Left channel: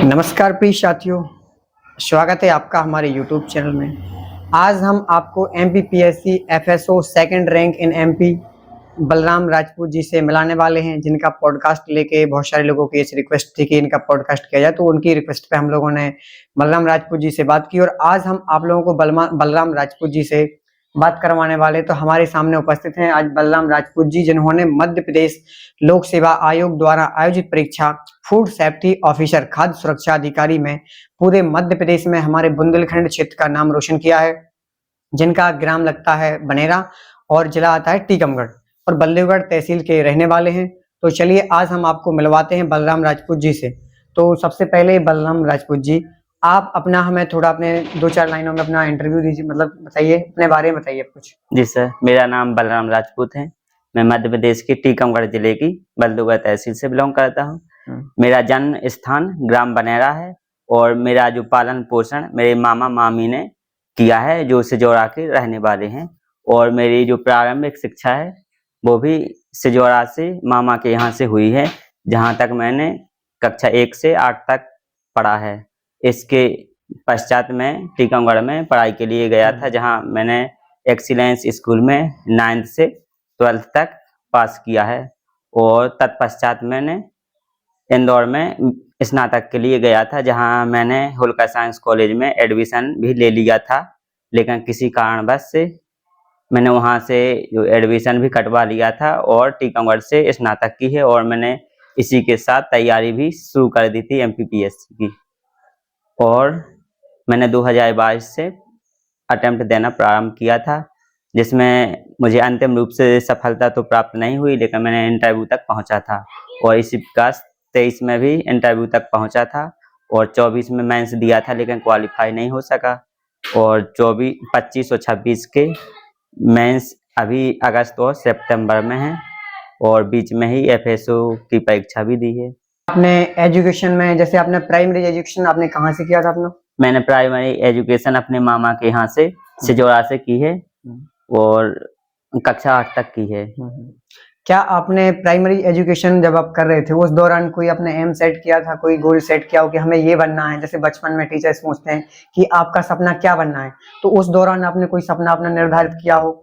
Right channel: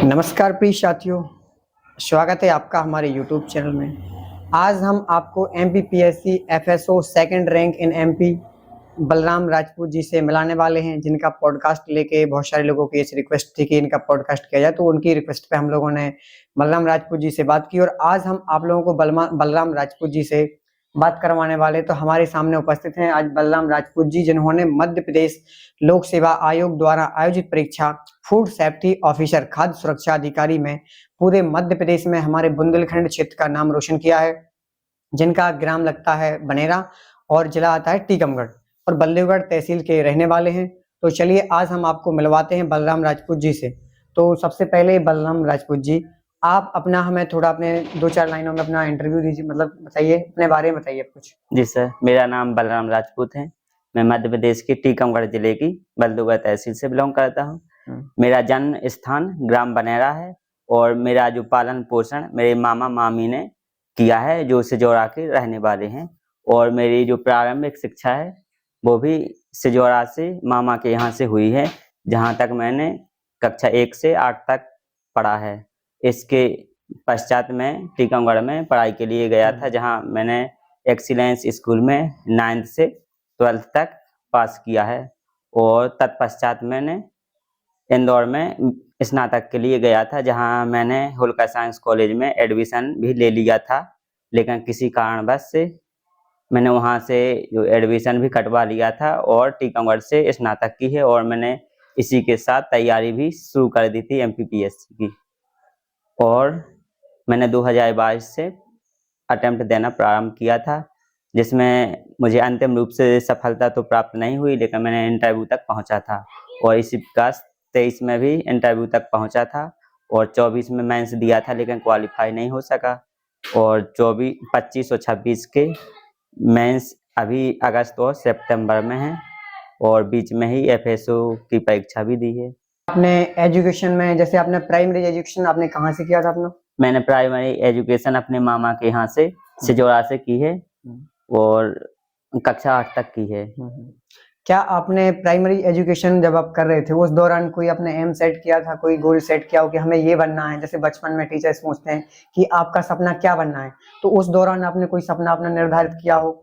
नमस्कार प्रिय साथियों, स्वागत है आपका हमारे यूट्यूब चैनल में। आज हम आपको MPPSC FSO second rank in MP Balram Rajput ji से मिलाने वाले हैं, जिनका पॉडकास्ट लेके बहुत सारे लोगों की इस रिक्वेस्ट थी कि इनका पॉडकास्ट किया जाए, तो उनकी रिक्वेस्ट पे हम लोगों ने बलराम राजपूत जी से बात की और आज हम आप लोगों को बलराम राजपूत जी से बात करवाने वाले। तो हमारे सामने उपस्थित हैं आज बलराम राजपूत जी, जिन्होंने मध्य प्रदेश लोक सेवा आयोग द्वारा आयोजित परीक्षा फूड सेफ्टी ऑफिसर खाद्य सुरक्षा अधिकारी में पूरे मध्य प्रदेश में हमारे बुंदेलखंड क्षेत्र का नाम रोशन किया है, जिनका ग्राम लगता है बनेरा और जिला आता है टीकमगढ़ और बल्लभगढ़ तहसील के रहने वाले हैं। तो चलिए आज हम आपको मिलवाते हैं बलराम राजपूत जी से। तो सबसे पहले बलराम राजपूत जी, आप अपना हमें थोड़ा अपने 2-4 लाइनों में अपना इंटरव्यू दीजिए, मतलब बताइए, अपने बारे में बताइए कुछ। जी सर, मेरा नाम बलराम राजपूत है। मैं मध्य प्रदेश के टीकमगढ़ जिले की बल्लभगढ़ तहसील से बिलोंग करता हूँ। मेरा जन्म स्थान ग्राम बनेरा है और मेरा जो पालन पोषण मेरे मामा मामी ने किया है, जो सिजौरा के रहने वाले हैं। और मेरी जो प्रारंभिक शिक्षा है वो भी सिजौरा से मामा के यहाँ से हुई है, जहाँ तक मैंने कक्षा 1 से 8 तक पढ़ा है। इसके पश्चात मैं टीकमगढ़ में पढ़ाई के लिए गया था, जहाँ मैंने एक्सीलेंस स्कूल में 9th से 12th तक पास किया है। और तत्पश्चात मैंने इंदौर में स्नातक के लिए गया था, जहां मैंने होलकर साइंस कॉलेज में एडमिशन भी ले लिया था, लेकिन किसी कारणवश से मैंने वहां से जो एडमिशन भी कटवा लिया था और टीकमगढ़ से स्नातक की है। और मैंने इसी के साथ तैयारी भी शुरू कर दी थी एमपीपीएससी की। और मैंने 2022 से अटेम्प्ट देना प्रारंभ किया था, जिसमें मुझे अंतिम रूप से सफलता तो प्राप्त नहीं हुई, लेकिन मैंने इंटरव्यू तक पहुंचा था। और इसी प्रकार 23 में भी इंटरव्यू तक पहुंचा था और 24 में मेंस दिया था, लेकिन क्वालिफाई नहीं हो सका। और 25 और 26 के मेंस अभी अगस्त और सितंबर में है और बीच में ही एफएसओ की परीक्षा भी दी है। आपने एजुकेशन में, जैसे आपने प्राइमरी एजुकेशन आपने कहाँ से किया था अपना? मैंने प्राइमरी एजुकेशन अपने मामा के यहाँ से सिजौरा से की है और कक्षा 8 तक की है। क्या आपने प्राइमरी एजुकेशन जब आप कर रहे थे उस दौरान कोई आपने एम सेट किया था, कोई गोल सेट किया हो कि हमें ये बनना है? जैसे बचपन में टीचर्स पूछते हैं कि आपका सपना क्या बनना है, तो उस दौरान आपने कोई सपना अपना निर्धारित किया हो?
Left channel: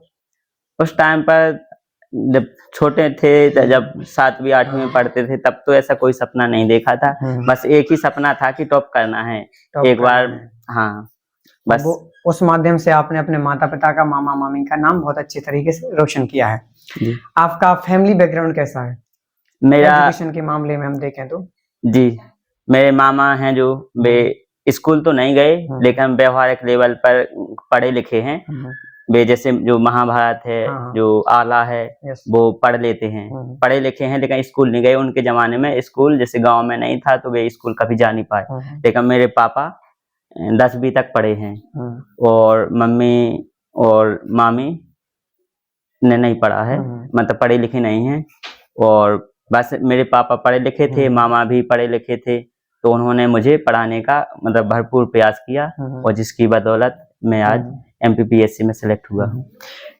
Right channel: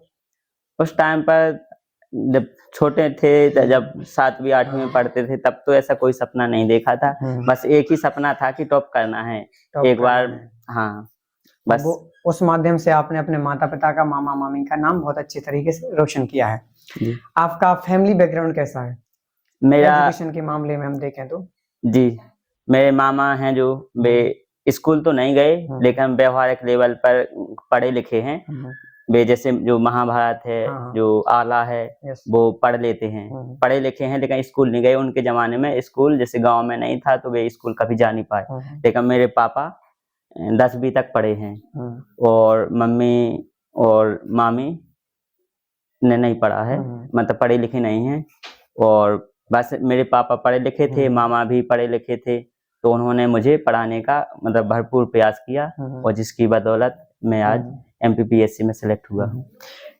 उस टाइम पर जब छोटे थे, जब 7वीं 8वीं में पढ़ते थे, तब तो ऐसा कोई सपना नहीं देखा था। बस एक ही सपना था कि टॉप करना है एक बार। हाँ, बस उस माध्यम से आपने अपने माता पिता का, मामा मामी का नाम बहुत अच्छे तरीके से रोशन किया है। आपका फैमिली बैकग्राउंड कैसा है मेरा एजुकेशन के मामले में हम देखें तो? जी, मेरे मामा हैं जो वे स्कूल तो नहीं गए, लेकिन व्यवहारिक लेवल पर पढ़े लिखे हैं। वे जैसे जो महाभारत है, जो आला है, वो पढ़ लेते हैं, पढ़े लिखे हैं, लेकिन स्कूल नहीं गए। उनके जमाने में स्कूल जैसे गांव में नहीं था, तो वे स्कूल कभी जा नहीं पाए। लेकिन मेरे पापा 10वीं तक पढ़े हैं और मम्मी और मामी ने नहीं पढ़ा है, मतलब पढ़े लिखे नहीं हैं। और बस मेरे पापा पढ़े लिखे थे, मामा भी पढ़े लिखे थे, तो उन्होंने मुझे पढ़ाने का मतलब भरपूर प्रयास किया और जिसकी बदौलत मैं आज एमपीपीएससी में सेलेक्ट हुआ।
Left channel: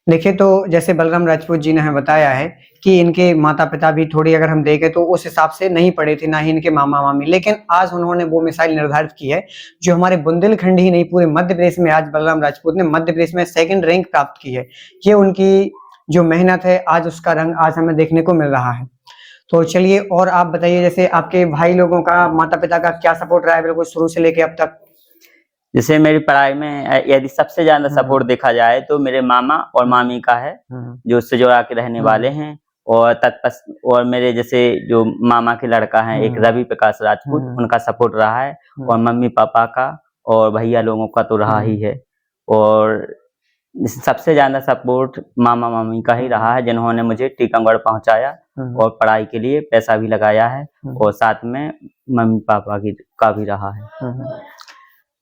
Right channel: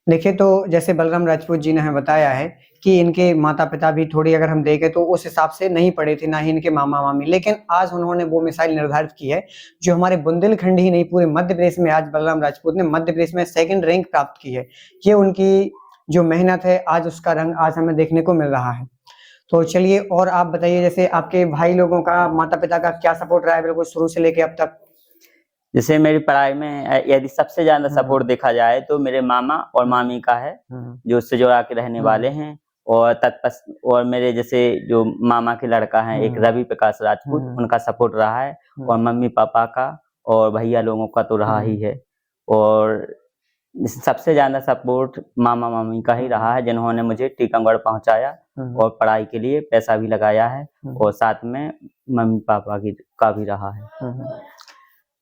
देखिए, तो जैसे बलराम राजपूत जी ने हमें बताया है कि इनके माता पिता भी थोड़ी, अगर हम देखें तो उस हिसाब से नहीं पढ़े थे, ना ही इनके मामा मामी, लेकिन आज उन्होंने वो मिसाइल निर्धारित की है जो हमारे बुंदेलखंड ही नहीं पूरे मध्य प्रदेश में, आज बलराम राजपूत ने मध्य प्रदेश में सेकंड रैंक प्राप्त की है। ये उनकी जो मेहनत है, आज उसका रंग आज हमें देखने को मिल रहा है। तो चलिए, और आप बताइए, जैसे आपके भाई लोगों का, माता पिता का क्या सपोर्ट रहा है बिल्कुल शुरू से लेके अब तक? जैसे मेरी पढ़ाई में यदि सबसे ज्यादा सपोर्ट देखा जाए तो मेरे मामा और मामी का है, जो सिजौरा के रहने वाले हैं। और मेरे जैसे जो मामा के लड़का है एक रवि प्रकाश राजपूत, उनका सपोर्ट रहा है। और मम्मी पापा का और भैया लोगों का तो रहा ही है। और सबसे ज्यादा सपोर्ट मामा मामी का ही रहा है, जिन्होंने मुझे टीकमगढ़ पहुंचाया और पढ़ाई के लिए पैसा भी लगाया है, और साथ में मम्मी पापा का भी रहा है।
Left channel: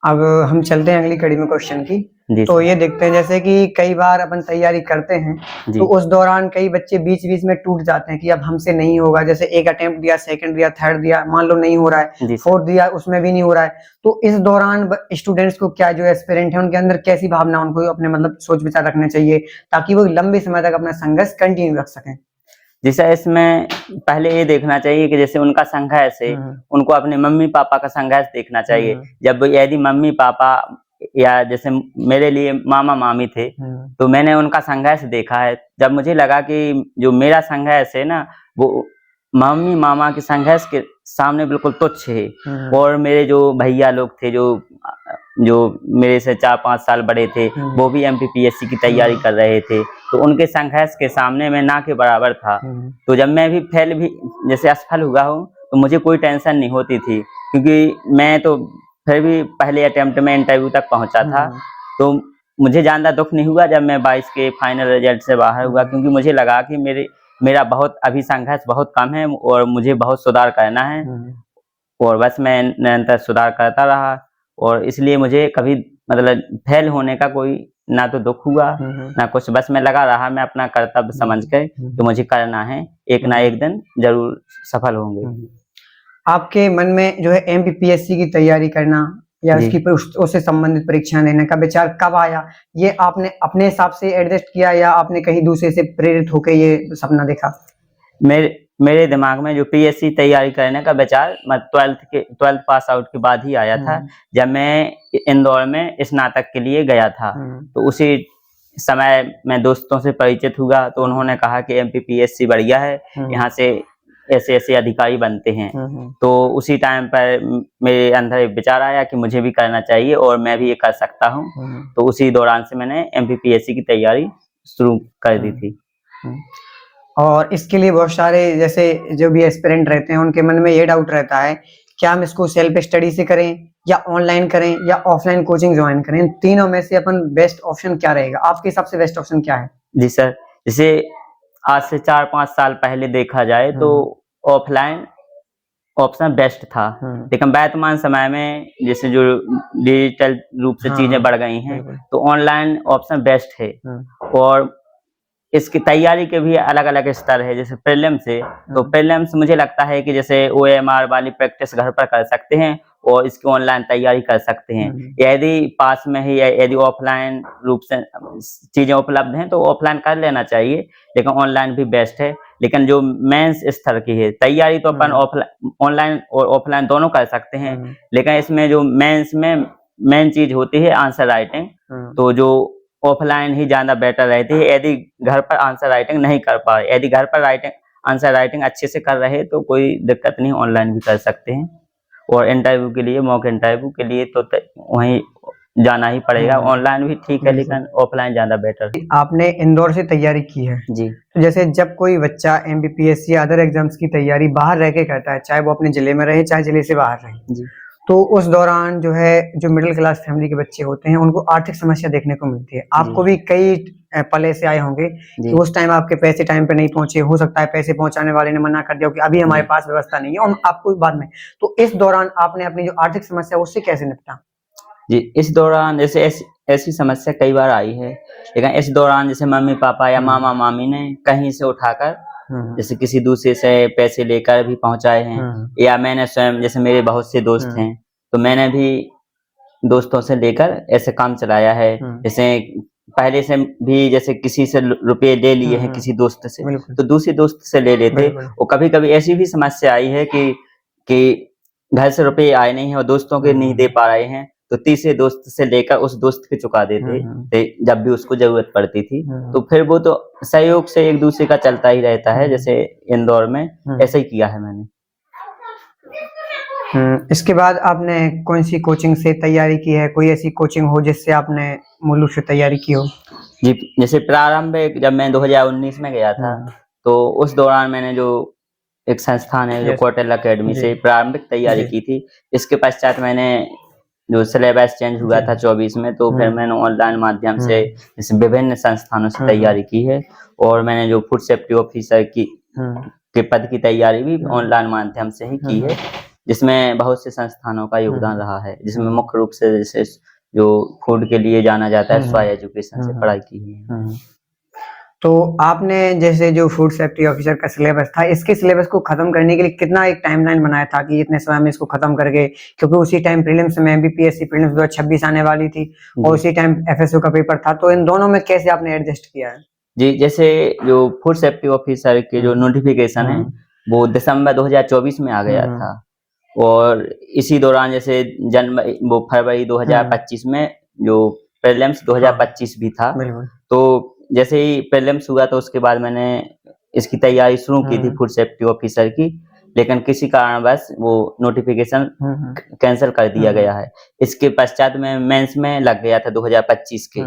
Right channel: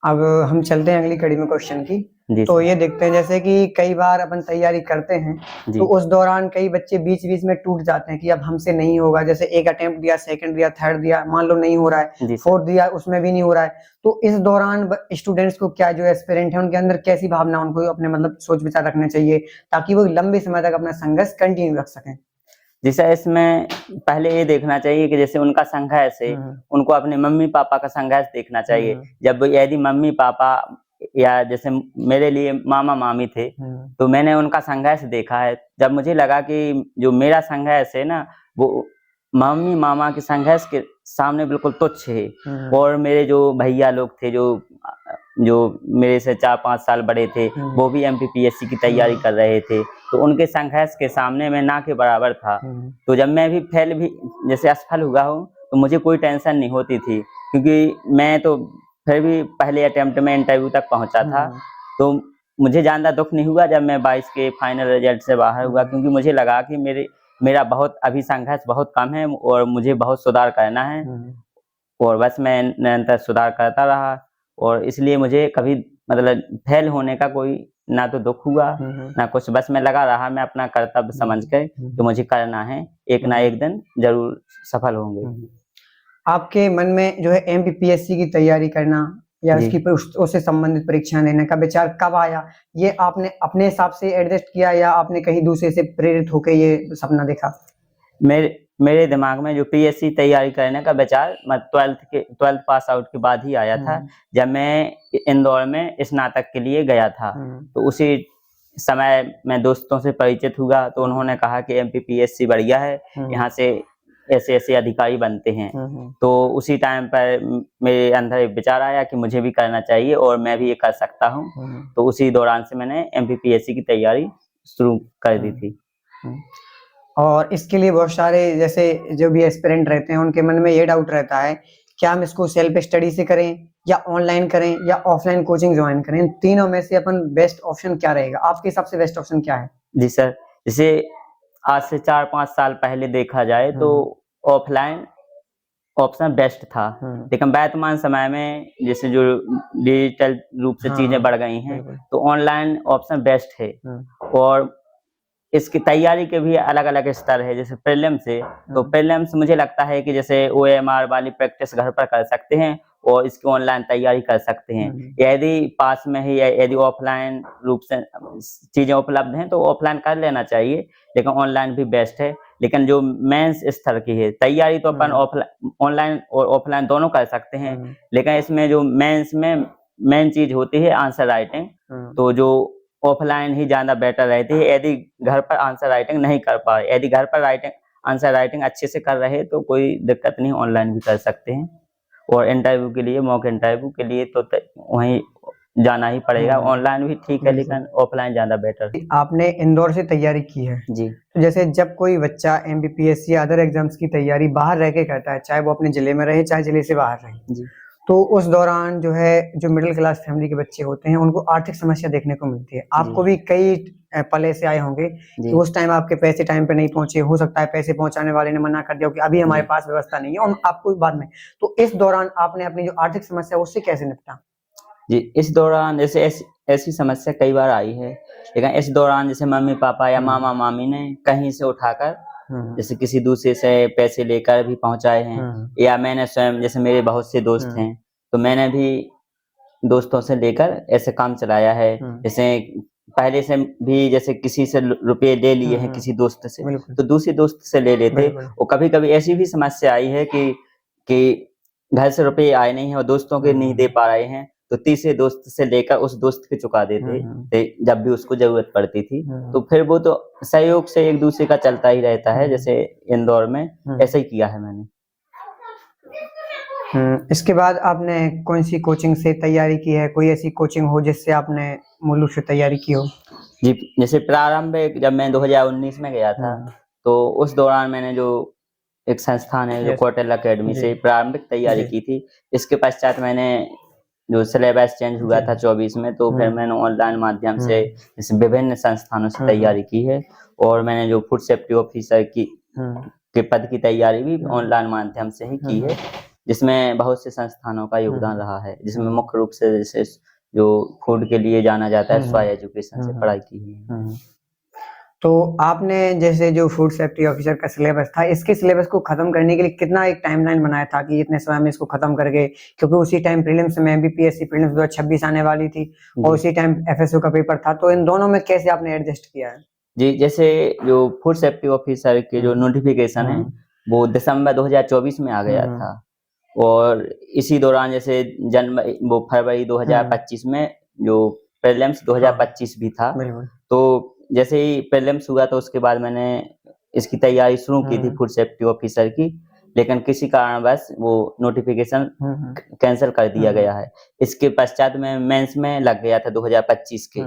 अब हम चलते हैं अगली कड़ी में क्वेश्चन की। तो ये देखते हैं, जैसे कि कई बार अपन तैयारी करते हैं तो उस दौरान कई बच्चे बीच बीच में टूट जाते हैं कि अब हमसे नहीं होगा। जैसे एक अटेम्प्ट दिया, सेकंड दिया, थर्ड दिया, मान लो नहीं हो रहा है, फोर्थ दिया, उसमें भी नहीं हो रहा है। तो इस दौरान स्टूडेंट्स को क्या, जो एस्पिरेंट है, उनके अंदर कैसी भावना, उनको अपने मतलब सोच विचार रखने चाहिए ताकि वो लंबे समय तक अपना संघर्ष कंटिन्यू रख सकें? जी सर, इसमें पहले ये देखना चाहिए कि जैसे उनका संघर्ष है, उनको अपने मम्मी पापा का संघर्ष देखना चाहिए। जब यदि मम्मी पापा या जैसे मेरे लिए मामा मामी थे, तो मैंने उनका संघर्ष देखा है। जब मुझे लगा कि जो मेरा संघर्ष है ना, वो मम्मी मामा के संघर्ष के सामने बिल्कुल तुच्छ है। और मेरे जो भैया लोग थे, जो मेरे से 4-5 साल बड़े थे, वो भी एमपीपीएससी की तैयारी कर रहे थे, तो उनके संघर्ष के सामने मैं ना के बराबर था। तो जब मैं भी फेल भी जैसे असफल हुआ हूँ, तो मुझे कोई टेंशन नहीं होती थी, क्योंकि मैं तो फिर भी पहले अटेम्प्ट में इंटरव्यू तक पहुंचा था। तो मुझे ज़्यादा दुख नहीं हुआ जब मैं 22 के फाइनल रिजल्ट से बाहर हुआ, क्योंकि मुझे लगा कि मेरा बहुत अभी संघर्ष बहुत कम है और मुझे बहुत सुधार करना है। और बस मैं निरंतर सुधार करता रहा, और इसलिए मुझे कभी मतलब फेल होने का कोई ना तो दुख हुआ ना कुछ। बस मैं लगा रहा, मैं अपना कर्तव्य समझ कर तो मुझे करना है, एक ना एक दिन जरूर सफल होंगे। आपके मन में जो है एमपीपीएससी की तैयारी करना या जी। उससे संबंधित परीक्षाएं देने का विचार कब आया? ये आपने अपने हिसाब से एडजस्ट किया या आपने कहीं दूसरे से प्रेरित होकर ये सपना देखा? मेरे दिमाग में जो पीएससी तैयारी करने का विचार 12th पास आउट के बाद ही आया था, जब मैं इंदौर में स्नातक के लिए गया था। तो उसी समय मैं दोस्तों से परिचित हुआ, तो उन्होंने कहा कि एमपीपीएससी बढ़िया है, यहाँ से ऐसे ऐसे अधिकारी बनते हैं। तो उसी टाइम पर मेरे अंदर एक विचार आया कि मुझे भी करना चाहिए और मैं भी ये कर सकता हूँ। तो उसी दौरान से मैंने एमपीपीएससी की तैयारी शुरू कर दी थी। और इसके लिए बहुत सारे जैसे जो भी एस्पिरेंट रहते हैं, उनके मन में ये डाउट रहता है क्या हम इसको सेल्फ स्टडी से करें या ऑनलाइन करें या ऑफलाइन कोचिंग ज्वाइन करें? इन तीनों में से अपन बेस्ट ऑप्शन क्या रहेगा? आपके हिसाब से बेस्ट ऑप्शन क्या है? जी सर, जैसे आज से 4-5 साल पहले देखा जाए तो ऑफलाइन ऑप्शन बेस्ट था, लेकिन वर्तमान समय में जैसे जो डिजिटल रूप से चीजें बढ़ गई हैं, तो ऑनलाइन ऑप्शन बेस्ट है। और इसकी तैयारी के भी अलग अलग स्तर है। जैसे प्रीलिम्स है, तो प्रीलिम्स मुझे लगता है कि जैसे ओएमआर वाली प्रैक्टिस घर पर कर सकते हैं और इसकी ऑनलाइन तैयारी कर सकते हैं। यदि पास में ही यदि ऑफलाइन रूप से चीजें उपलब्ध हैं तो ऑफलाइन कर लेना चाहिए, लेकिन ऑनलाइन भी बेस्ट है। लेकिन जो मेंस स्तर की है तैयारी, तो अपन ऑनलाइन और ऑफलाइन दोनों कर सकते हैं, लेकिन इसमें जो मेंस में मेन चीज होती है आंसर राइटिंग, तो जो ऑफलाइन ही ज्यादा बेटर रहती है। यदि घर पर आंसर राइटिंग नहीं कर पाए, यदि घर पर आंसर राइटिंग अच्छे से कर रहे तो कोई दिक्कत नहीं, ऑनलाइन भी कर सकते हैं। और इंटरव्यू के लिए, मॉक इंटरव्यू के लिए तो वहीं जाना ही पड़ेगा। ऑनलाइन भी ठीक है, लेकिन ऑफलाइन ज्यादा बेटर है। आपने इंदौर से तैयारी की है जी। तो जैसे जब कोई बच्चा एमपीपीएससी या अदर एग्जाम्स की तैयारी बाहर रह के करता है, चाहे वो अपने जिले में रहे चाहे जिले से बाहर रहे, जी। तो उस दौरान जो है जो मिडिल क्लास फैमिली के बच्चे होते हैं उनको आर्थिक समस्या देखने को मिलती है। आपको भी कई पल ऐसे आए होंगे कि उस टाइम आपके पैसे टाइम पे नहीं पहुंचे, हो सकता है पैसे पहुंचाने वाले ने मना कर दिया कि अभी हमारे पास व्यवस्था नहीं है और आपको बाद में। तो इस दौरान आपने अपनी जो आर्थिक समस्या उससे कैसे निपटा? जी, इस दौरान जैसे ऐसी समस्या कई बार आई है, लेकिन इस दौरान जैसे मम्मी पापा या मामा मामी ने कहीं से उठाकर जैसे किसी दूसरे से पैसे लेकर भी पहुंचाए हैं, या मैंने स्वयं, जैसे मेरे बहुत से दोस्त हैं तो मैंने भी दोस्तों से लेकर ऐसे काम चलाया है। जैसे पहले से भी जैसे किसी से रुपए ले लिए हैं किसी दोस्त से, तो दूसरे दोस्त से ले लेते। और कभी कभी ऐसी भी समस्या आई है कि घर से रुपए आए नहीं है और दोस्तों के नहीं दे पा रहे हैं, तो तीसरे दोस्त से लेकर उस दोस्त के चुका देते जब भी उसको जरूरत पड़ती थी। तो फिर वो तो सहयोग से एक दूसरे का चलता ही रहता है। जैसे इंदौर में ऐसा ही किया है मैंने। इसके बाद आपने कौन सी कोचिंग से तैयारी की है? कोई ऐसी कोचिंग हो जिससे आपने मूल रूप से तैयारी की हो? जी, जैसे प्रारंभिक जब मैं 2019 में गया था, तो उस दौरान मैंने जो एक संस्थान है जो कौटिल्य अकेडमी से प्रारंभिक तैयारी की थी। इसके पश्चात मैंने जो सिलेबस चेंज हुआ था 24 में, तो फिर मैंने ऑनलाइन माध्यम से जैसे विभिन्न संस्थानों से तैयारी की है। और मैंने जो फूड सेफ्टी ऑफिसर के पद की तैयारी भी ऑनलाइन माध्यम से ही की है, जिसमें बहुत से संस्थानों का योगदान रहा है, जिसमें मुख्य रूप से जैसे जो फूड के लिए जाना जाता है स्वाय एजुकेशन से पढ़ाई की है। तो आपने जैसे जो फूड सेफ्टी ऑफिसर का सिलेबस था, इसके सिलेबस को खत्म करने के लिए कितना एक टाइमलाइन बनाया था कि इतने समय में इसको खत्म करके, क्योंकि उसी टाइम प्रीलिम्स में एमपीपीएससी प्रीलिम्स 2026 आने वाली थी और उसी टाइम एफएसओ का पेपर था, तो इन दोनों में कैसे आपने एडजस्ट किया है? जी, जैसे जो फूड सेफ्टी ऑफिसर के जो नोटिफिकेशन है वो दिसंबर 2024 में आ गया था और इसी दौरान जैसे जनवरी वो फरवरी 2025 में जो प्रीलिम्स 2025 भी था। बिल्कुल। तो जैसे ही प्रीलिम्स हुआ तो उसके बाद मैंने इसकी तैयारी शुरू की थी फूड सेफ्टी ऑफिसर की, लेकिन किसी कारणवश वो नोटिफिकेशन कैंसिल कर दिया गया है। इसके पश्चात मैं मेंस में लग गया था 2025 के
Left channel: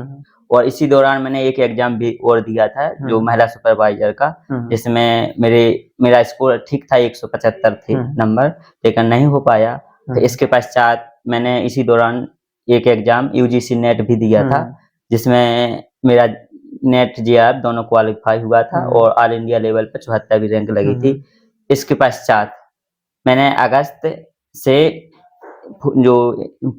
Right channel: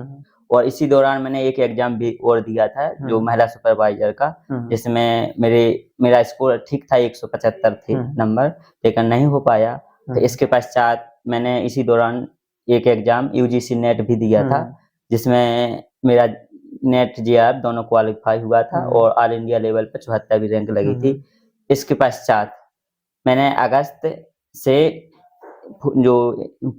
और इसी दौरान मैंने एक एग्जाम भी और दिया था जो महिला सुपरवाइजर का, जिसमें मेरा स्कोर ठीक था 175 थे नंबर, लेकिन नहीं हो पाया। तो इसके पश्चात मैंने इसी दौरान एक एग्जाम यूजीसी नेट भी दिया था, जिसमें मेरा नेट जेआर दोनों क्वालिफाई हुआ था और ऑल इंडिया लेवल पर 74वीं रैंक लगी थी। इसके पश्चात मैंने अगस्त से जो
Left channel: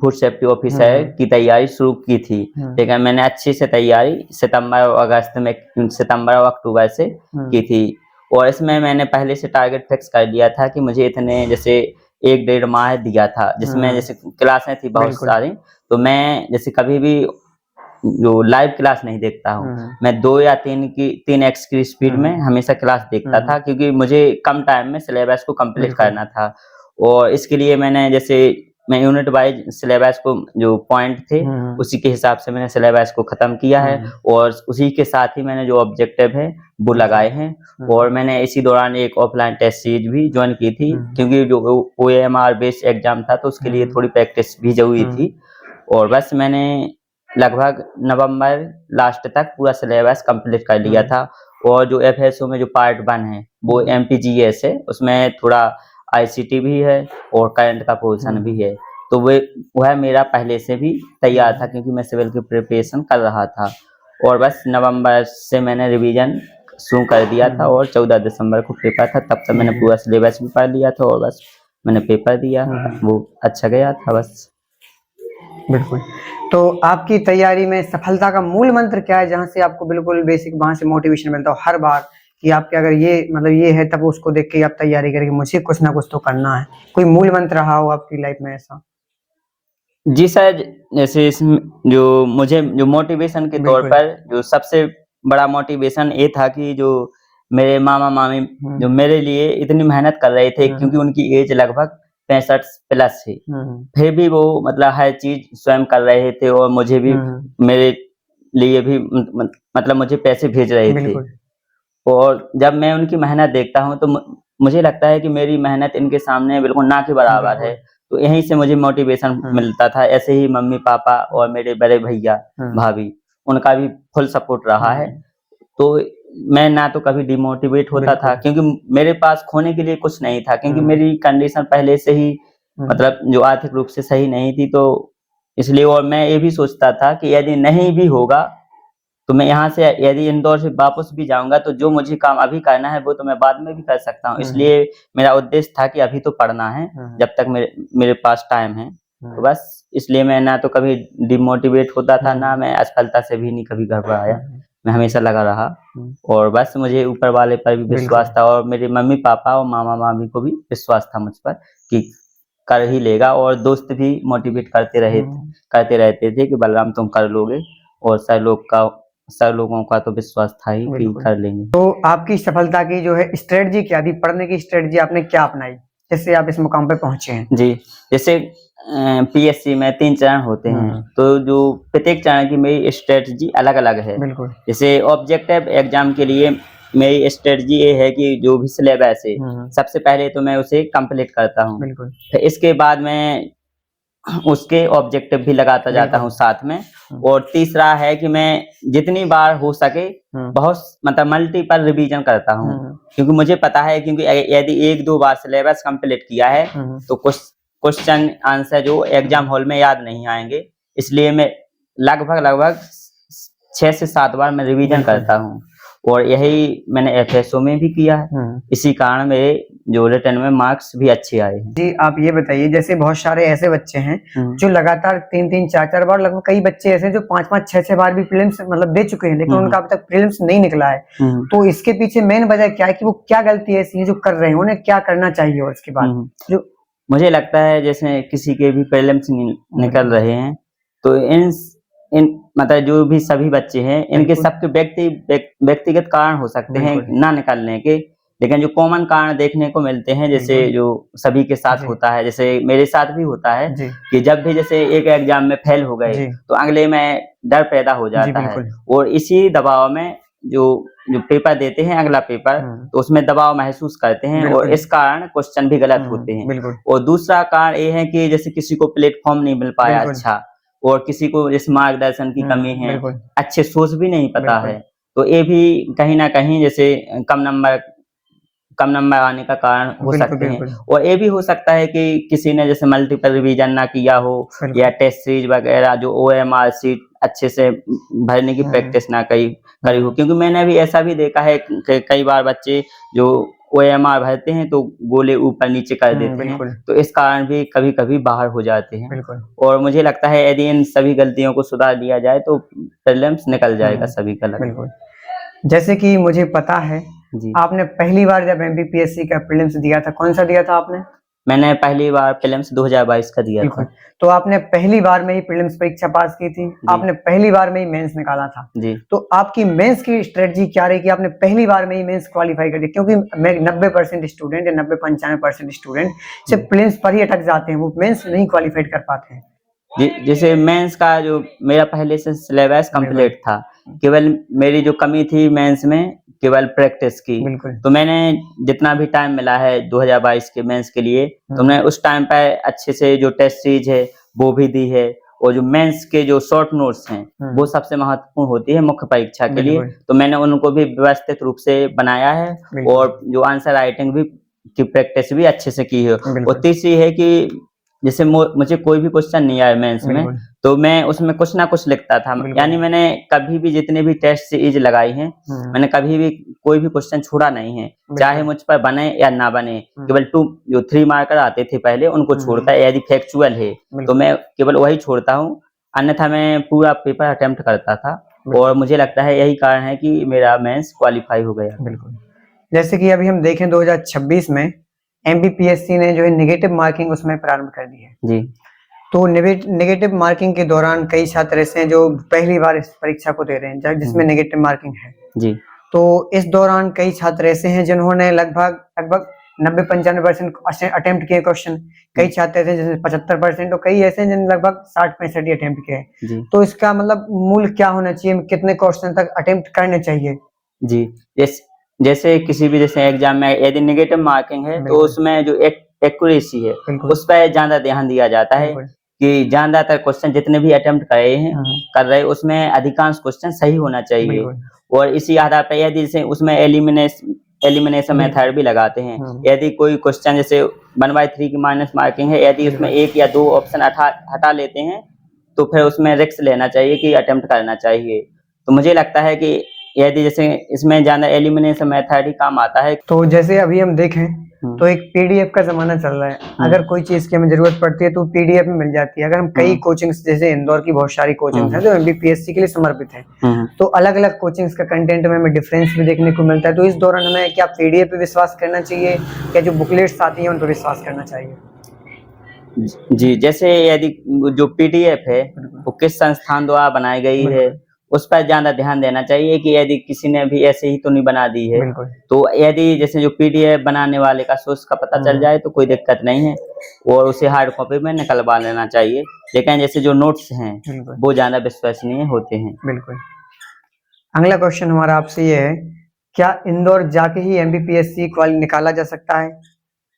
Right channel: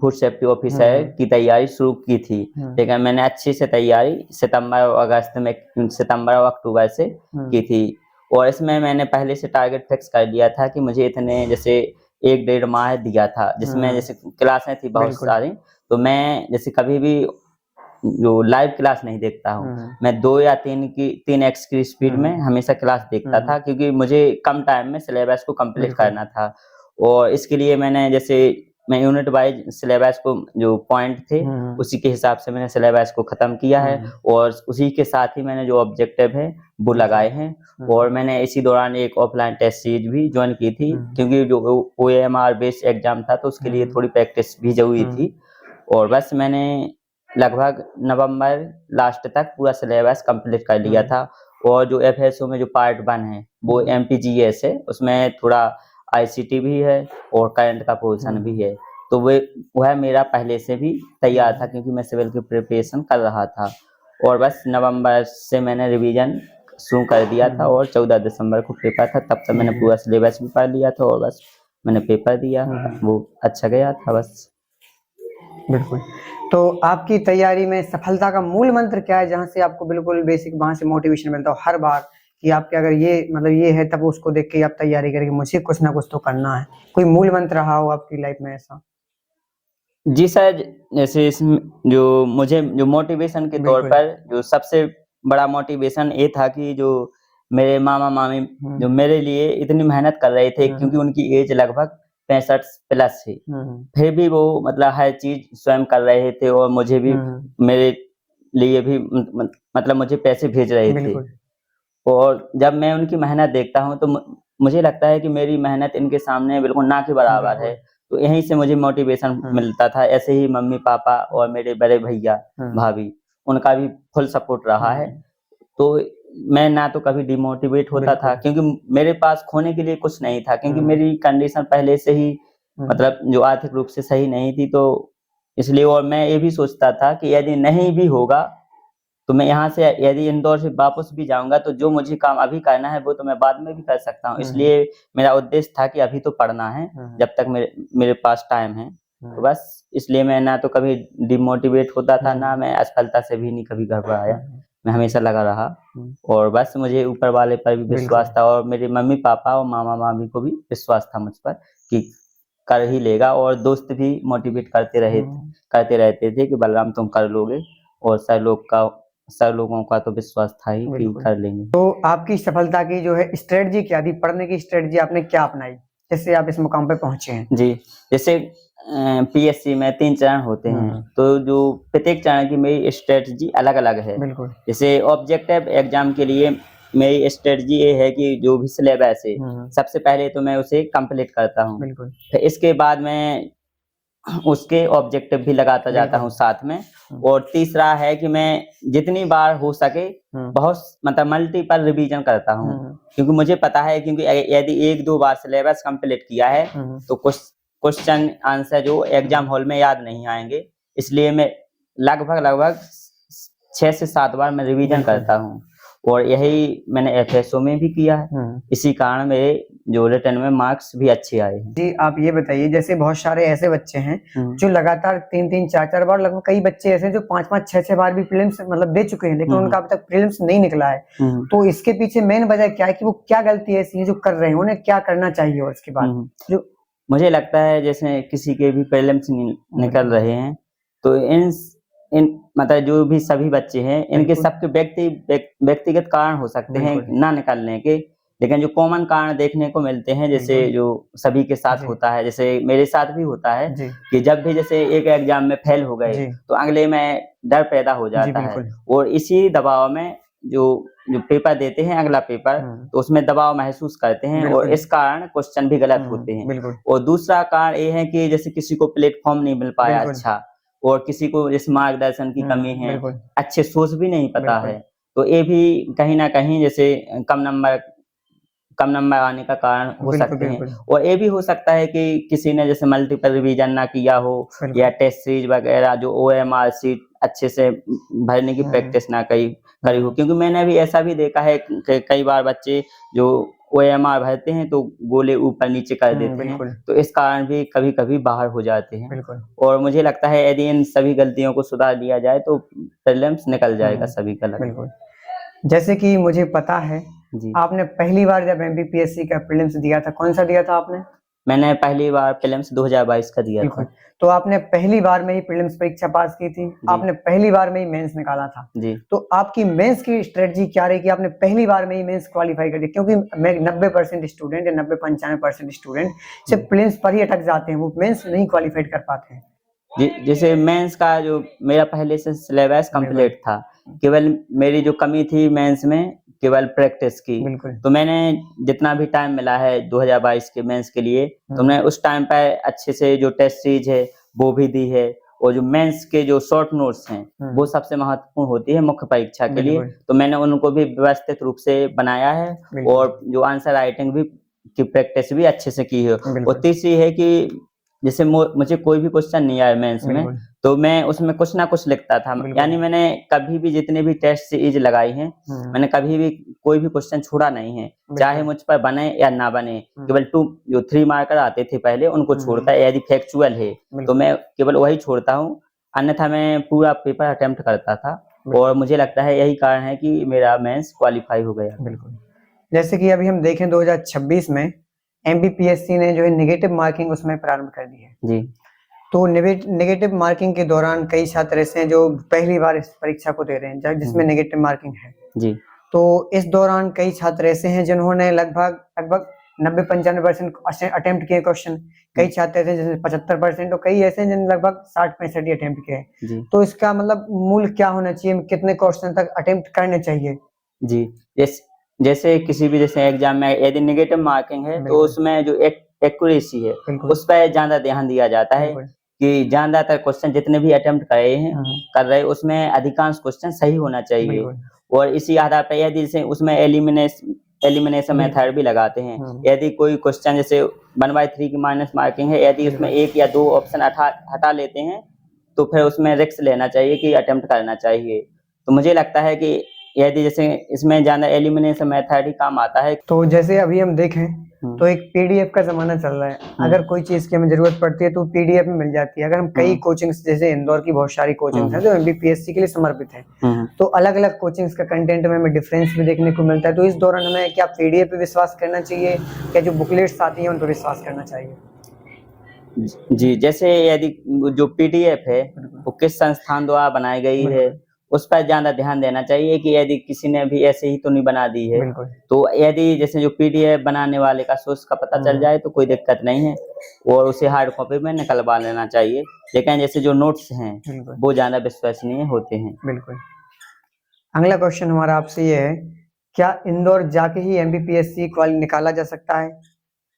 फूड सेफ्टी ऑफिसर की तैयारी शुरू की थी, लेकिन मैंने अच्छी से तैयारी सितंबर और अक्टूबर से की थी और इसमें मैंने पहले से टारगेट फिक्स कर लिया था कि मुझे इतने जैसे 1-1.5 माह दिया था, जिसमें जैसे क्लासें थी बहुत सारी, तो मैं जैसे कभी भी जो लाइव क्लास नहीं देखता हूँ, मैं 2 या 3x की स्पीड में हमेशा क्लास देखता था, क्योंकि मुझे कम टाइम में सिलेबस को कंप्लीट करना था और इसके लिए मैंने जैसे मैं यूनिट वाइज सिलेबस को जो पॉइंट थे उसी के हिसाब से मैंने सिलेबस को खत्म किया है और उसी के साथ ही मैंने जो ऑब्जेक्टिव है वो लगाए हैं और मैंने इसी दौरान एक ऑफलाइन टेस्ट सीरीज भी ज्वाइन की थी, क्योंकि जो OMR बेस्ड एग्जाम था तो उसके लिए थोड़ी प्रैक्टिस भी जरूरी थी और बस मैंने लगभग नवंबर लास्ट तक पूरा सिलेबस कंप्लीट कर लिया था और जो FSO में जो पार्ट 1 है वो MPGS है, उसमें थोड़ा ICT भी है और करंट का पोर्शन भी है, तो वह मेरा पहले से भी तैयार था क्योंकि मैं सिविल की प्रिपरेशन कर रहा था और बस नवंबर से मैंने रिवीजन शुरू कर दिया था और 14 दिसंबर को पेपर था, तब तक मैंने पूरा सिलेबस भी पढ़ लिया था और बस मैंने पेपर दिया, वो अच्छा गया था बस। बिल्कुल। तो आपकी तैयारी में सफलता का मूल मंत्र क्या है, जहाँ से आपको बिल्कुल बेसिक वहाँ से मोटिवेशन मिलता हो हर बार कि आपके अगर ये मतलब ये है तब उसको देख के आप तैयारी करेंगे, मुझे कुछ ना कुछ तो करना है, कोई मूल मंत्र रहा हो आपकी लाइफ में ऐसा? जी सर, जैसे इसमें जो मुझे जो मोटिवेशन के तौर पर जो सबसे बड़ा मोटिवेशन ये था कि जो मेरे मामा मामी जो मेरे लिए इतनी मेहनत कर रहे थे, क्योंकि उनकी एज लगभग 65 प्लस थी, फिर भी वो मतलब हर चीज स्वयं कर रहे थे और मुझे भी मेरे लिए भी मतलब मुझे पैसे भेज रहे थे और जब मैं उनकी मेहनत देखता हूँ तो मुझे लगता है कि मेरी मेहनत इनके सामने बिल्कुल ना के बराबर है, तो यहीं से मुझे मोटिवेशन मिलता था। ऐसे ही मम्मी पापा और मेरे बड़े भैया भाभी उनका भी फुल सपोर्ट रहा है, तो मैं ना तो कभी डिमोटिवेट होता था क्योंकि मेरे पास खोने के लिए कुछ नहीं था, क्योंकि मेरी कंडीशन पहले से ही मतलब जो आर्थिक रूप से सही नहीं थी, तो इसलिए और मैं ये भी सोचता था कि यदि नहीं भी होगा तो मैं यहाँ से यदि इंदौर से वापस भी जाऊंगा तो जो मुझे काम अभी करना है वो तो मैं बाद में भी कर सकता हूँ, इसलिए मेरा उद्देश्य था कि अभी तो पढ़ना है जब तक मेरे पास टाइम है, तो बस इसलिए मैं ना तो कभी डिमोटिवेट होता था, ना मैं असफलता से भी नहीं कभी घबराया, मैं हमेशा लगा रहा और बस मुझे ऊपर वाले पर भी विश्वास था और मेरे मम्मी पापा और मामा मामी को भी विश्वास था मुझ पर कि कर ही लेगा और दोस्त भी मोटिवेट करते रहते थे कि बलराम तुम कर लोगे और सर लोगों का तो विश्वास था ही कि कर लेंगे। तो आपकी सफलता की जो है स्ट्रेटजी क्या थी, पढ़ने की स्ट्रेटजी आपने क्या अपनाई जिससे आप इस मुकाम पे पहुंचे हैं? जी, जैसे PSC में 3 चरण होते हैं, तो जो प्रत्येक चरण की मेरी स्ट्रेटजी अलग-अलग है। बिल्कुल। जैसे ऑब्जेक्टिव एग्जाम के लिए मेरी स्ट्रेटजी ये है कि जो भी सिलेबस है सबसे पहले तो मैं उसे कंप्लीट करता हूँ, फिर इसके बाद मैं उसके ऑब्जेक्टिव भी लगाता जाता हूँ साथ में, और तीसरा है कि मैं जितनी बार हो सके बहुत मतलब मल्टीपल रिवीजन करता हूँ, क्योंकि मुझे पता है क्योंकि यदि 1-2 बार सिलेबस कंप्लीट किया है तो कुछ क्वेश्चन आंसर जो एग्जाम हॉल में याद नहीं आएंगे, इसलिए मैं लगभग 6 से 7 बार मैं रिवीजन करता हूँ और यही मैंने FSO में भी किया है, इसी कारण मेरे जो रिटर्न में मार्क्स भी अच्छे आए हैं। जी, आप ये बताइए जैसे बहुत सारे ऐसे बच्चे हैं जो लगातार 3-3 4-4 बार, लगभग कई बच्चे ऐसे हैं जो 5-5 6-6 बार भी प्रीलिम्स मतलब दे चुके हैं, लेकिन उनका अब तक प्रीलिम्स नहीं निकला है, तो इसके पीछे मेन वजह क्या है कि वो क्या गलती ऐसी है जो कर रहे हैं, उन्हें क्या करना चाहिए? और इसके बाद जो मुझे लगता है जैसे किसी के भी प्रीलिम्स निकल रहे हैं तो इन मतलब जो भी सभी बच्चे हैं इनके बिल्कुल। सबके व्यक्तिगत कारण हो सकते हैं बिल्कुल। ना निकलने के, लेकिन जो कॉमन कारण देखने को मिलते हैं जैसे बिल्कुल। जो सभी के साथ जी। होता है, जैसे मेरे साथ भी होता है जी। कि जब भी जैसे एक एग्जाम में फेल हो गए जी। तो अगले में डर पैदा हो जी, जाता है, बिल्कुल। और इसी दबाव में जो जो पेपर देते हैं अगला पेपर, तो उसमें दबाव महसूस करते हैं और बिल्कुल। इस कारण क्वेश्चन भी गलत होते हैं। बिल्कुल। और दूसरा कारण ये है कि जैसे किसी को प्लेटफॉर्म नहीं मिल पाया बिल्कुल। अच्छा, और किसी को जैसे मार्गदर्शन की कमी है, बिल्कुल। अच्छे सोर्स भी नहीं पता बिल्कुल। है, तो ये भी कहीं न कहीं जैसे कम नंबर आने का कारण हो बिल्कुल, सकते हैं। बिल्कुल। और ये भी हो सकता है कि किसी ने जैसे मल्टीपल रिवीजन ना किया हो, बिल्कुल। या टेस्ट सीरीज वगैरह जो ओएमआर शीट अच्छे से भरने की प्रैक्टिस ना करी हो, क्योंकि मैंने भी ऐसा भी देखा है कि कई बार बच्चे जो ओएमआर भरते हैं तो गोले ऊपर नीचे कर देते हैं, बिल्कुल। तो इस कारण भी कभी-कभी बाहर हो जाते हैं। बिल्कुल। और मुझे लगता है यदि इन सभी गलतियों को सुधार लिया जाए तो प्रीलिम्स निकल जाएगा सभी का लगभग। बिल्कुल। जैसे कि मुझे पता है, जी। आपने पहली बार जब एमपीपीएससी का प्रीलिम्स दिया था, कौन-सा दिया था आपने? मैंने पहली बार प्रीलिम्स 2022 का दिया बिल्कुल। था। तो आपने पहली बार में ही प्रीलिम्स परीक्षा पास की थी, आपने पहली बार में ही मेंस निकाला था। जी। तो आपकी मेंस की स्ट्रेटजी क्या रही कि आपने पहली बार में ही मेंस क्वालीफाई कर दिया? क्योंकि मैं 90% स्टूडेंट या 90-95% स्टूडेंट सिर्फ प्रीलिम्स पर ही अटक जाते हैं, वो मेंस नहीं क्वालीफाइड कर पाते हैं। जैसे मेंस का जो मेरा पहले से सिलेबस बिल्कुल। कंप्लीट था, केवल मेरी जो कमी थी मेंस में केवल प्रैक्टिस की। बिल्कुल। तो मैंने जितना भी टाइम मिला है 2022 के मेंस के लिए, तो मैं उस टाइम पे अच्छे से जो टेस्ट सीरीज है वो भी दी है, और जो मेंस के जो शॉर्ट नोट्स हैं वो सबसे महत्वपूर्ण होती है मुख्य परीक्षा के लिए, बिल्कुल। तो मैंने उनको भी व्यवस्थित रूप से बनाया है, बिल्कुल। और जो आंसर राइटिंग भी की प्रैक्टिस भी अच्छे से की है। और बिल्कुल। तीसरी है कि जैसे मुझे कोई भी क्वेश्चन नहीं आया मेंस में, बिल्कुल। तो मैं उसमें कुछ ना कुछ लिखता था। बिल्कुल। यानी मैंने कभी भी जितने भी टेस्ट सीरीज लगाई हैं, मैंने कभी भी कोई भी क्वेश्चन छोड़ा नहीं है, चाहे मुझ पर बने या ना बने। केवल 3 मार्कर आते थे पहले, उनको छोड़कर यदि फैक्चुअल है तो बिल्कुल। मैं केवल वही छोड़ता हूँ, अन्यथा मैं पूरा पेपर अटेम्प्ट करता था, और मुझे लगता है यही कारण है कि मेरा मेंस क्वालीफाई हो गया। बिल्कुल। जैसे कि अभी हम देखें 2026 में एमपीपीएससी ने जो है नेगेटिव मार्किंग उसमें प्रारंभ कर दी है। जी। तो नेगेटिव मार्किंग के दौरान कई छात्र ऐसे हैं जो पहली बार इस परीक्षा को दे रहे हैं जिसमें नेगेटिव मार्किंग है। जी। तो इस दौरान कई छात्र ऐसे हैं जिन्होंने लगभग 90-95% अटेम्प्ट किए क्वेश्चन। कई छात्र ऐसे जिसने 75%, और कई ऐसे हैं जिन्होंने लगभग 60-65 ही अटेम्प्ट किए। जी। तो इसका मतलब मूल क्या होना चाहिए, कितने क्वेश्चन तक अटेम्प्ट करने चाहिए? जी, जैसे किसी भी जैसे एग्जाम में यदि नेगेटिव मार्किंग है तो बिल्कुल। उसमें जो एक्यूरेसी है बिल्कुल। उस पे ज़्यादा ध्यान दिया जाता है, बिल्कुल। कि ज़्यादातर क्वेश्चन जितने भी अटेम्प्ट कर रहे हैं उसमें अधिकांश क्वेश्चन सही होना चाहिए। बिल्कुल। और इसी आधार पर यदि जैसे उसमें एलिमिनेशन बिल्कुल। मेथड भी लगाते हैं, यदि कोई क्वेश्चन जैसे 1/3 की माइनस मार्किंग है, यदि उसमें 1 या 2 ऑप्शन हटा लेते हैं तो फिर उसमें रिस्क लेना चाहिए कि अटेम्प्ट करना चाहिए। तो मुझे लगता है कि यदि जैसे इसमें ज़्यादा एलिमिनेशन मेथड ही काम आता है। तो जैसे अभी हम देखें तो एक पीडीएफ का ज़माना चल रहा है। अगर कोई चीज़ की हमें ज़रूरत पड़ती है तो पीडीएफ में मिल जाती है। अगर हम कई कोचिंग्स, जैसे इंदौर की बहुत सारी कोचिंग्स हैं जो एमपीपीएससी के लिए समर्पित हैं, तो अलग-अलग कोचिंग्स का कंटेंट में हमें डिफरेंस भी देखने को मिलता है। तो इस दौरान हमें क्या पीडीएफ पे विश्वास करना चाहिए या जो बुकलेट्स आती हैं उन पे विश्वास करना चाहिए? जी, जैसे यदि जो पीडीएफ है वो किस संस्थान द्वारा बनाई गई है, उस पर ज़्यादा ध्यान देना चाहिए कि यदि किसी ने भी ऐसे ही तो नहीं बना दी है। बिल्कुल। तो यदि जैसे जो पीडीएफ बनाने वाले का सोर्स का पता चल जाए तो कोई दिक्कत नहीं है, और उसे हार्ड कॉपी में निकलवा लेना चाहिए। लेकिन जैसे जो नोट्स हैं बिल्कुल। वो ज़्यादा विश्वसनीय होते हैं। बिल्कुल। अगला क्वेश्चन हमारा आपसे ये है, क्या इंदौर जाके ही एमपीपीएससी निकाला जा सकता है?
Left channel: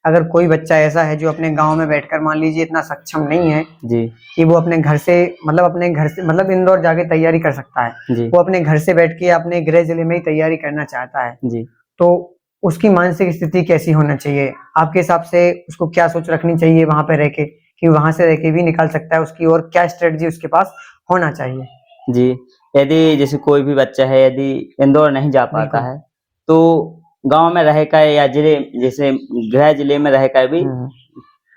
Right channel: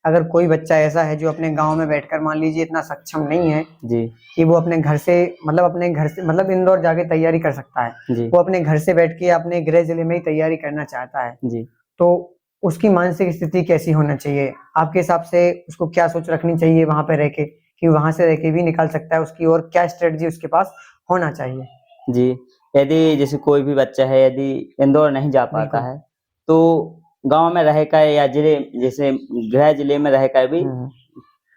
अगर कोई बच्चा ऐसा है जो अपने गांव में बैठकर मान लीजिए इतना सक्षम नहीं है जी। कि वो अपने घर से मतलब इंदौर जाके तैयारी कर सकता है, जी। वो अपने घर से बैठ के अपने गृह जिले में ही तैयारी करना चाहता है, जी। तो उसकी मानसिक स्थिति कैसी होना चाहिए? आपके हिसाब से उसको क्या सोच रखनी चाहिए वहां पे रह के, कि वहां से रह के भी निकाल सकता है उसकी, और क्या स्ट्रेटजी उसके पास होना चाहिए? जी, यदि जैसे कोई भी बच्चा है यदि इंदौर नहीं जा पाता बिल्कुल। है, तो गाँव में रहकर या जैसे गृह जिले में रहकर भी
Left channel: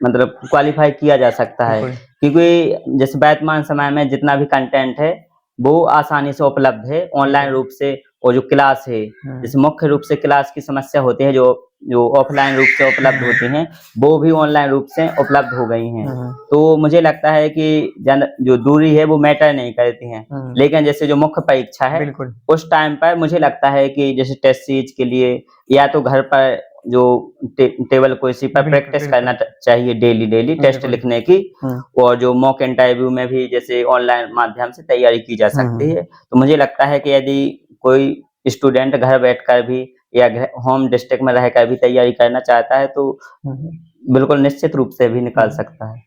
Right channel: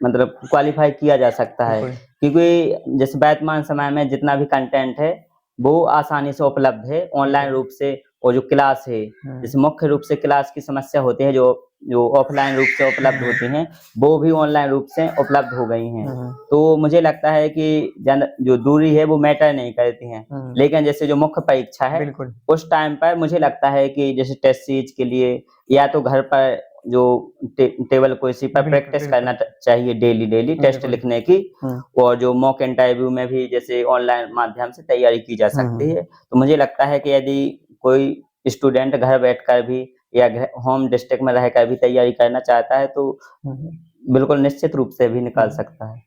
मतलब क्वालीफाई किया जा सकता है। बिल्कुल। क्योंकि जैसे वर्तमान समय में जितना भी कंटेंट है, वो आसानी से उपलब्ध है ऑनलाइन रूप से, और जो क्लास है, जैसे मुख्य रूप से क्लास की समस्या होती है जो जो ऑफलाइन रूप से उपलब्ध होती हैं वो भी ऑनलाइन रूप से उपलब्ध हो गई हैं। तो मुझे लगता है कि जो दूरी है वो मैटर नहीं करती हैं, लेकिन जैसे जो मुख्य परीक्षा है बिल्कुल उस टाइम पर मुझे लगता है कि जैसे टेस्ट सीरीज के लिए या तो घर पर जो टेबल कुर्सी पर बिल्कुल, प्रैक्टिस बिल्कुल। करना चाहिए डेली टेस्ट बिल्कुल। लिखने की, और जो मॉक इंटरव्यू में भी जैसे ऑनलाइन माध्यम से तैयारी की जा सकती है। तो मुझे लगता है कि यदि कोई स्टूडेंट घर बैठकर भी या होम डिस्ट्रिक्ट में रहकर भी तैयारी करना चाहता है तो बिल्कुल निश्चित रूप से भी निकाल सकता है।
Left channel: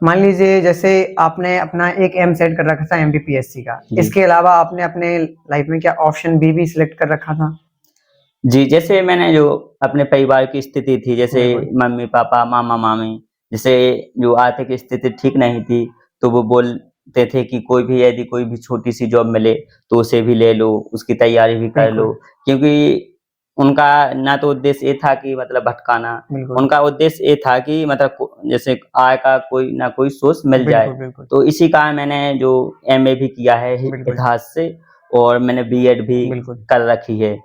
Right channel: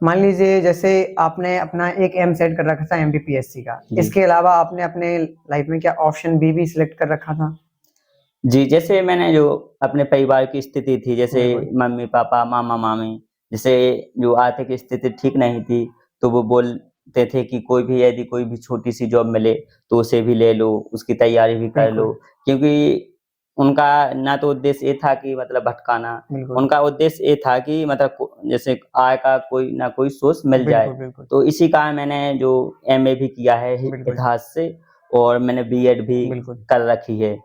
मान लीजिए जैसे आपने अपना एक एम सेट कर रखा था एमपीपीएससी का, जी। इसके अलावा आपने अपने लाइफ में क्या ऑप्शन बी भी सिलेक्ट कर रखा था? जी, जैसे मैंने जो अपने परिवार की स्थिति थी, जैसे बिल्कुल। मम्मी-पापा, मामा-मामी, जैसे जो आर्थिक स्थिति ठीक नहीं थी, तो वो बोलते थे कि यदि कोई भी छोटी-सी जॉब मिले, तो उसे भी ले लो, उसकी तैयारी भी कर लो। बिल्कुल। क्योंकि उनका ना तो उद्देश्य ये था कि मतलब भटकाना, बिल्कुल। उनका उद्देश्य ये था कि मतलब जैसे आय का कोई ना कोई सोर्स मिल जाए। बिल्कुल, बिल्कुल। तो इसी कारण मैंने जो एमए भी किया है बिल्कुल। इतिहास से, और मैंने बीएड भी बिल्कुल। कर रखी है।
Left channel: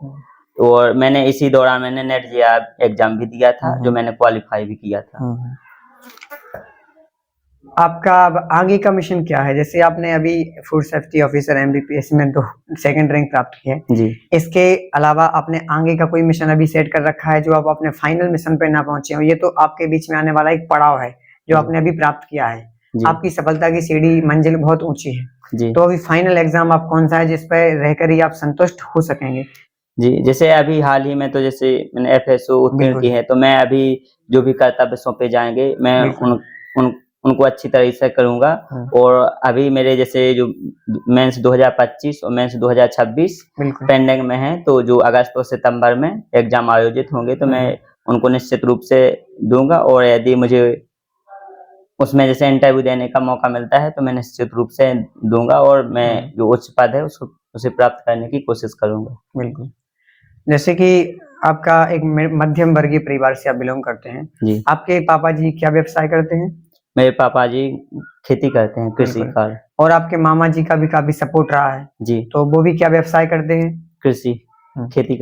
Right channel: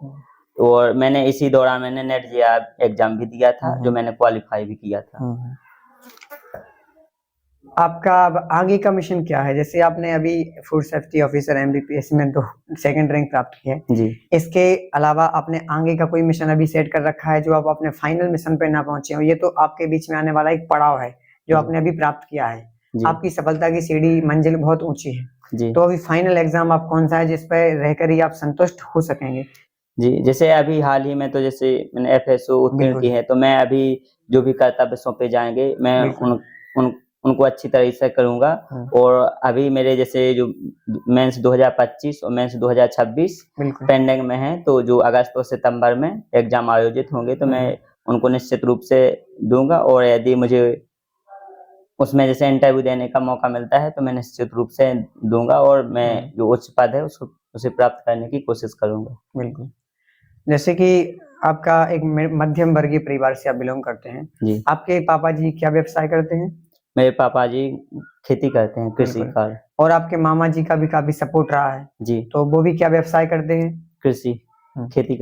और मैंने इसी दौरान मैंने नेट जेईई एग्जाम भी दिया था, जो मैंने क्वालीफाई भी किया था। आपका अब आगे का मिशन क्या है? जैसे आपने अभी फूड सेफ्टी ऑफिसर एमबीपीएससी में 2 सेकंड रैंक प्राप्त की है। जी। इसके अलावा आपने आगे का कोई मिशन अभी सेट कर रखा है जो आप अपने फाइनल मिशन पे ना पहुंचे हो? ये तो आपके बीच में आने वाला एक पड़ाव है जो आपने अभी प्राप्त किया है। जी। आपकी सफलता की सीढ़ी मंजिल बहुत ऊंची है। जी। तो अभी फाइनल एग्जाम आप कौन सा है जिस पे रहकर ही आप संतुष्ट हो सकेंगे? जी, जैसे अभी हाल ही में तो जैसे मैंने एफएसओ उत्तीर्ण की बिल्कुल। है, तो मैं अभी जो भी कर्तव्य सौंपे जाएँगे, मैं बिल्कुल। उनको अच्छी तरह से करूँगा। और अभी मेरे जैसे जो मेंस 2025 और मेंस 2026 बिल्कुल। पेंडिंग में है, तो जो अगस्त और सितंबर में एग्जाम आयोजित होंगे, तो मैं उनको निश्चित रूप से दूँगा। और यदि मुझे उसमें जैसे इंटरव्यू देने का मौका मिलता है, तो मैं निश्चित रूप से दूँगा, और मैं जो उच्च पद है उसे प्राप्त करने की कोशिश करूँगा। बिल्कुल। जैसे कि आपका एक मध्यम वर्गीय परिवार से आप बिलोंग करते हैं। जी। आपके पापा जी क्या व्यवसाय करते हैं? मेरे पापा जी खेती करते हैं, कृषि बिल्कुल। कार्य। और आपके मामा जी का भी काफी सपोर्ट रहा है। जी। तो वो भी क्या व्यवसाय करते हैं? कृषि, खेती